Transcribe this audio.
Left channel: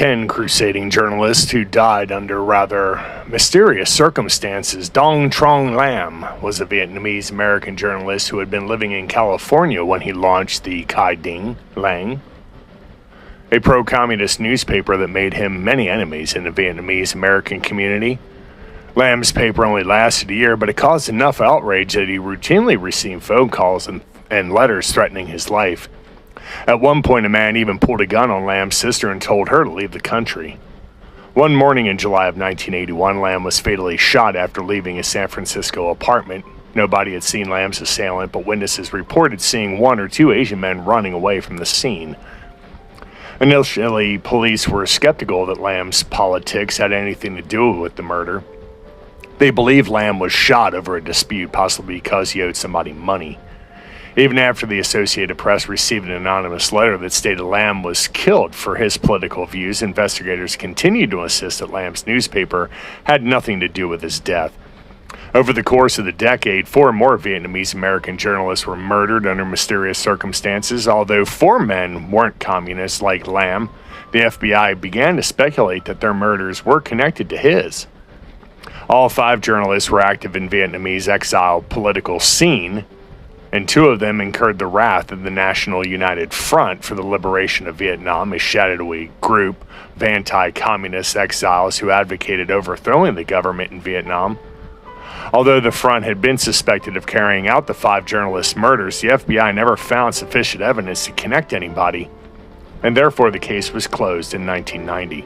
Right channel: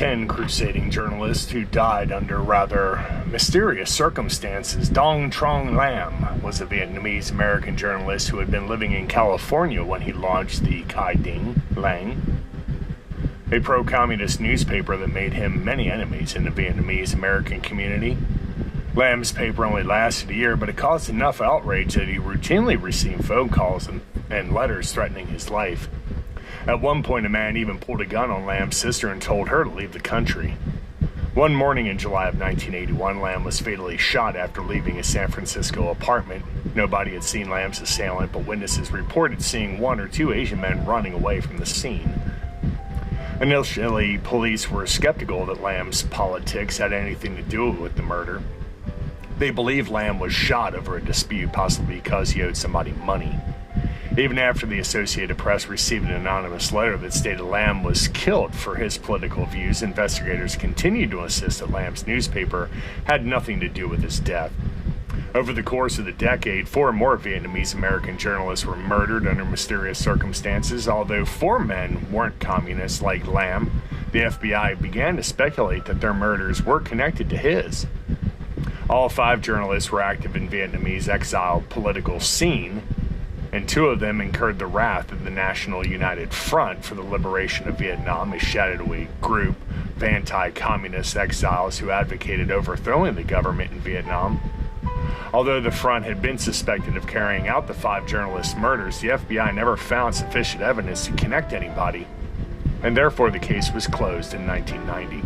10 crusading journalists who died under rather mysterious circumstances. Duong Trong Lam was a Vietnamese-American journalist who had been living in California when he launched the Khai Dinh Lang, a pro-communist newspaper that made him many enemies in the Vietnamese-American community. Lam's paper only lasted a year, but it caused enough outrage that he routinely received phone calls and letters threatening his life. At one point, a man even pulled a gun on Lam's sister and told her to leave the country. One morning in July of 1981, Lam was fatally shot after leaving his San Francisco apartment. Nobody had seen Lam's assailant, but witnesses reported seeing one or two Asian men running away from the scene. Initially, police were skeptical that Lam's politics had anything to do with the murder. They believed Lam was shot over a dispute, possibly because he owed somebody money. Even after the Associated Press received an anonymous letter that stated Lam was killed for his political views, investigators continued to insist that Lam's newspaper had nothing to do with his death. Over the course of the decade, 4 more Vietnamese-American journalists were murdered under mysterious circumstances. Although 4 men weren't communists like Lam, the FBI began to speculate that their murders were connected to his. All 5 journalists were active in Vietnamese exile political scene, and 2 of them incurred the wrath of the National United Front for the Liberation of Vietnam, a shadowy group of anti-communist exiles who advocated overthrowing the government in Vietnam. Although the front had been suspected of carrying out the 5 journalists' murders, the FBI never found sufficient evidence to connect anybody, and therefore the case was closed in 1990.